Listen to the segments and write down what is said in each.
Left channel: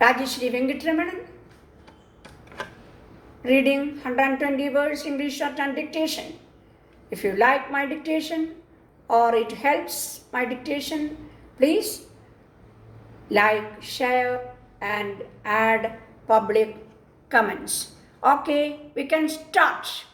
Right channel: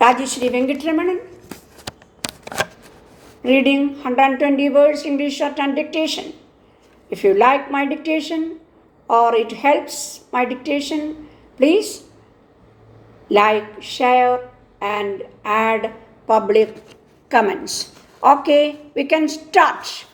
Rajeshri Venkatramanan, reading 120 words English shorthand dictation. If you like my dictation or it helps my dictation, please like, share, and add public comments. Okay, we can start.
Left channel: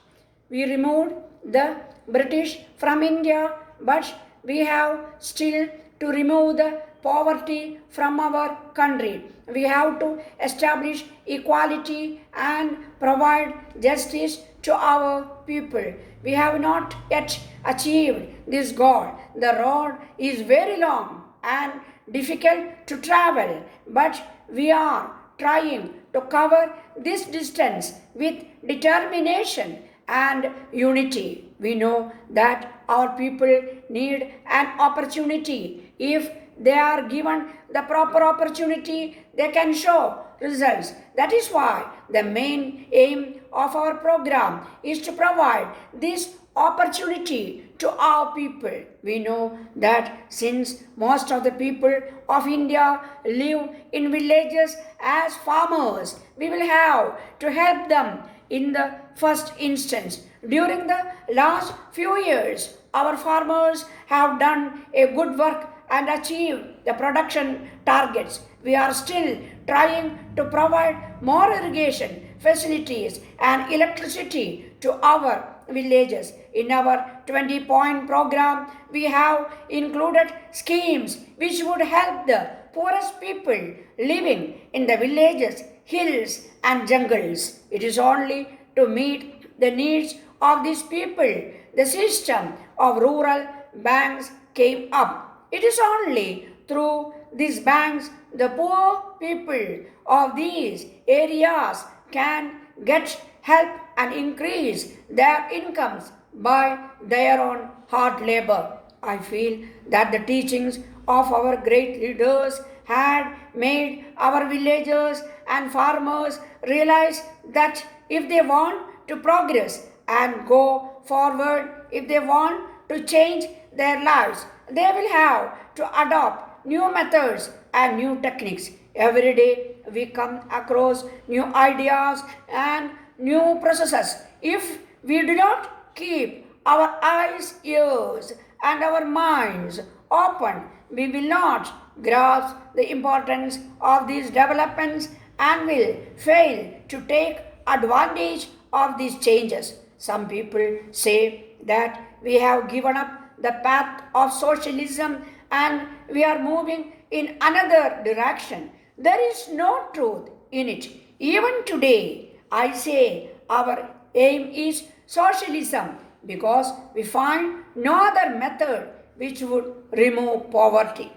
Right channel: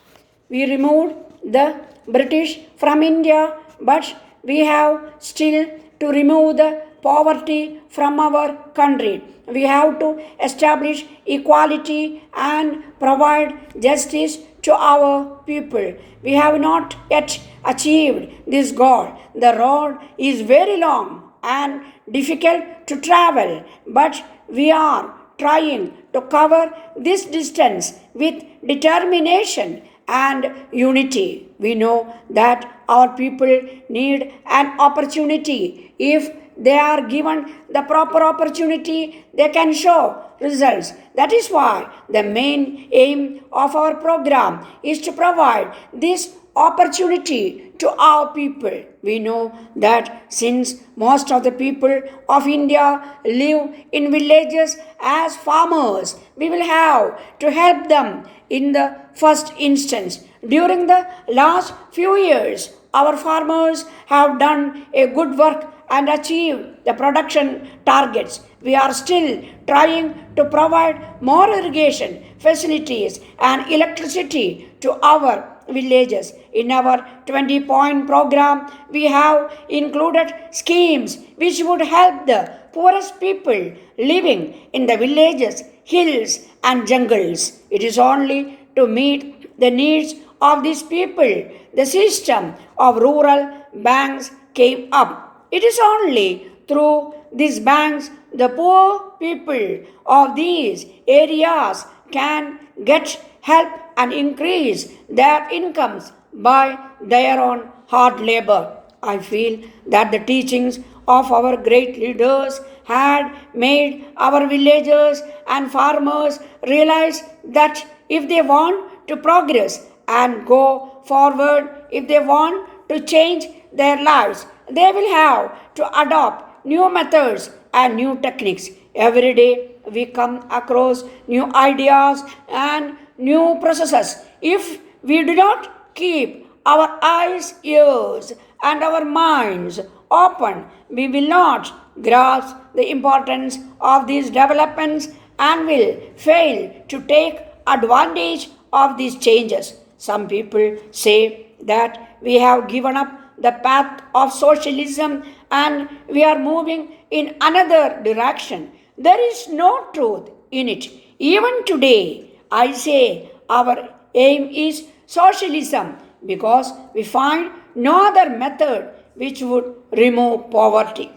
We removed the British from India, but we have still to remove the poverty from our country. We have to establish equality and provide justice to our people. We have not yet achieved this goal. The road is very long and difficult to travel, but we are trying to cover this distance with determination and unity. We know that our people need an opportunity. If they are given the proper opportunity, they can show results. That is why the main aim of our program is to provide this opportunity to our people. We know that since most of the people of India live in villages as farmers, we will have to help them in the first instance. During the last few years, our farmers have done a good work and achieved the production targets. We are still trying to provide more irrigation facilities and electricity to our villages. In our 20-point program, we have included schemes which would help the poorest people living in the villages, hills, and jungles. It is only to meet the needs of these people the system of rural banks came up. It is only through these banks the poor people of these areas can get help and increase their incomes by their own hard labor. I feel that the teachings of our great leaders had made our villagers and farmers realize that if they want to progress and go forward, if they want to change their lives, they will have to adopt new methods and new techniques. Every day we come across new ideas and new processes. If we do not keep our eyes, ears, and our minds open, we will not grasp the importance of these developments and will fail to take advantage of these changes. Some people say that we have given up the path of socialism and we are moving in another direction. There is no truth in it. Even today, I say our aim is socialism because we find no other method which would remove poverty.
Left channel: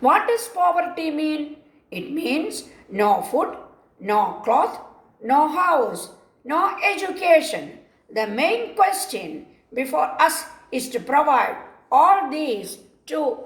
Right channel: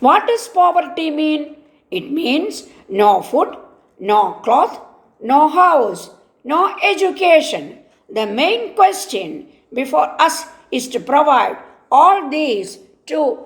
What does poverty mean? It means no food, no cloth, no house, no education. The main question before us is to provide all these to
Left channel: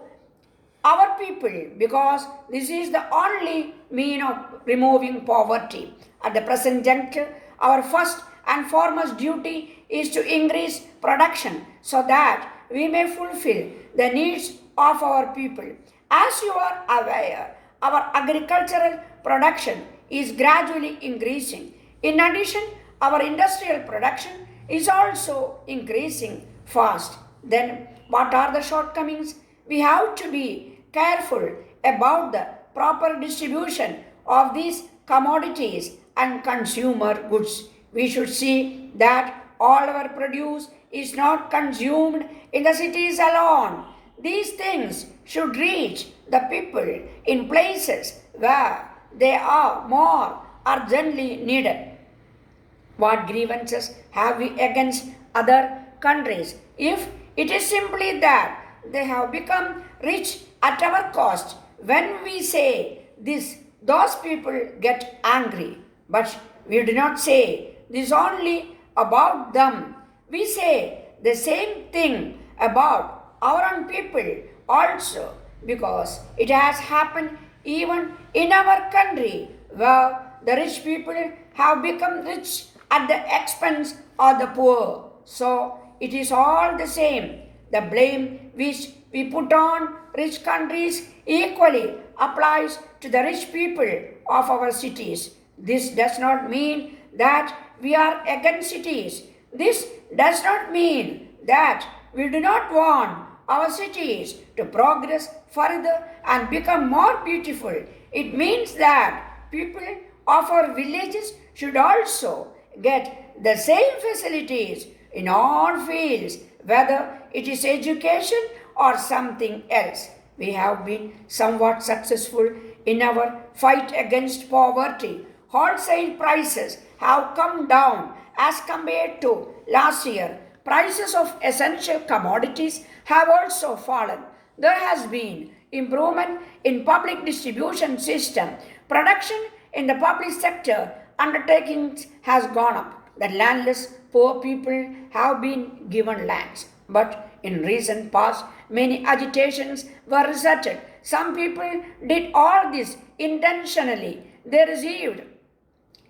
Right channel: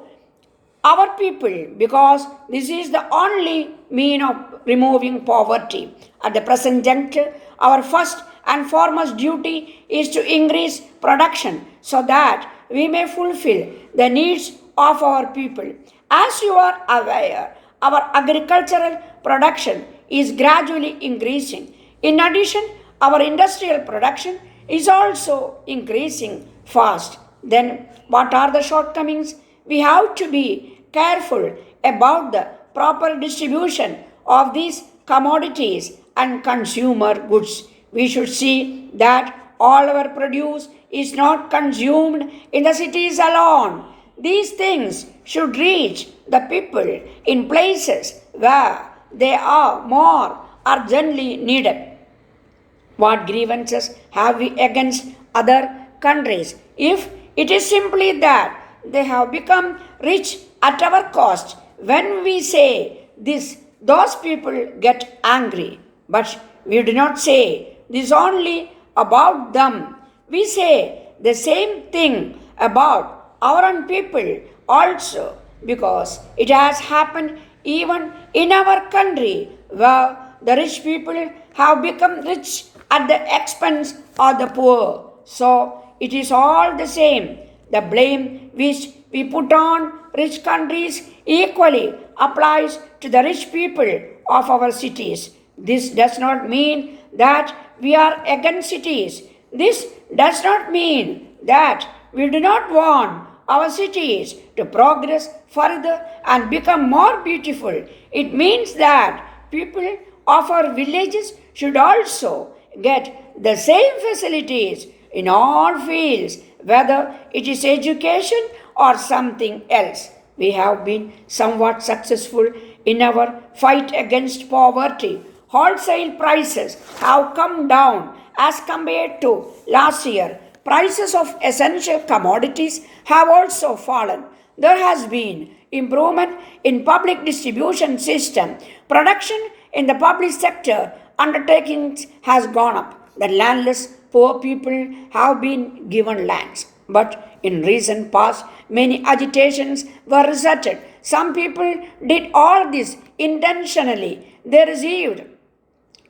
our people because this is the only mean of removing poverty. At the present juncture, our first and foremost duty is to increase production so that we may fulfill the needs of our people. As you are aware, our agricultural production is gradually increasing. In addition, our industrial production is also increasing fast. Then, what are the shortcomings? We have to be careful about the proper distribution of these commodities and consumer goods. We should see that all our produce is not consumed in the cities alone. These things should reach the people in places where they are more urgently needed. What grievances have we against other countries? If it is simply that they have become rich at our cost, when we say this, those people get angry. But we do not say this only about them. We say the same thing about our own people also because it has happened even in our country where the rich people have become rich at the expense of the poor. So it is all the same. The blame which we put on rich countries equally applies to the rich people of our cities. This does not mean that we are against cities. This does not mean that we do not want our cities to progress further and become more beautiful. It means that people of our villages should also get the same facilities in all fields, whether it is education or something else. We have been somewhat successful in our fight against poverty. Wholesale prices have come down as compared to last year. Prices of essential commodities have also fallen. There has been improvement in public distribution system. Production in the public sector undertakings has gone up. The landless poor people have been given lands. But in recent past, many agitations were resorted. Some people did all this intentionally. They received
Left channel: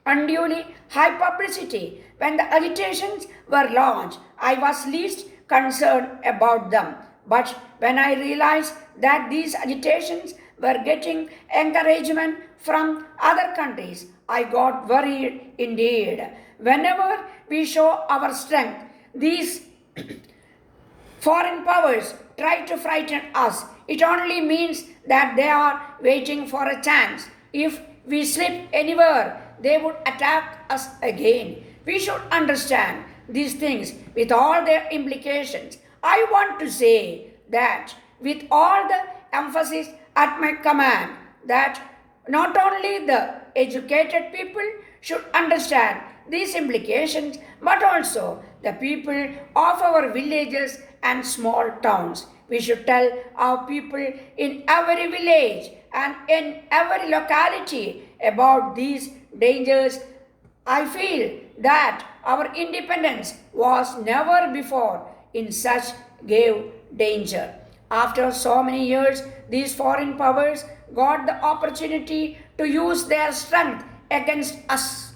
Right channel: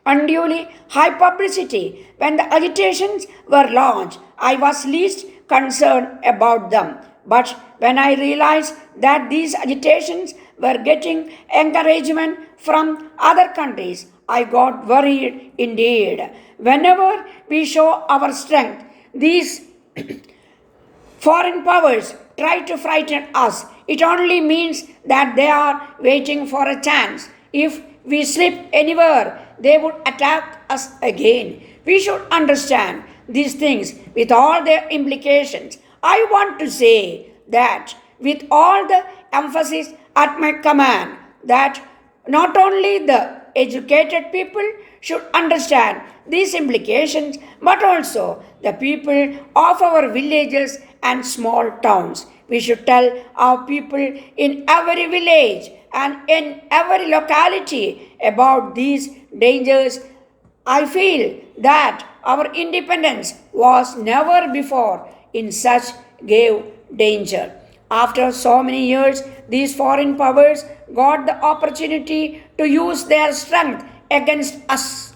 unduly high publicity. When the agitations were launched, I was least concerned about them. But when I realized that these agitations were getting encouragement from other countries, I got worried indeed. Whenever we show our strength, these foreign powers try to frighten us. It only means that they are waiting for a chance. If we slip anywhere, they would attack us again. We should understand these things with all their implications. I want to say that with all the emphasis at my command, that not only the educated people should understand these implications, but also the people of our villages and small towns. We should tell our people in every village and in every locality about these dangers. I feel that our independence was never before in such grave danger. After so many years, these foreign powers got the opportunity to use their strength against us.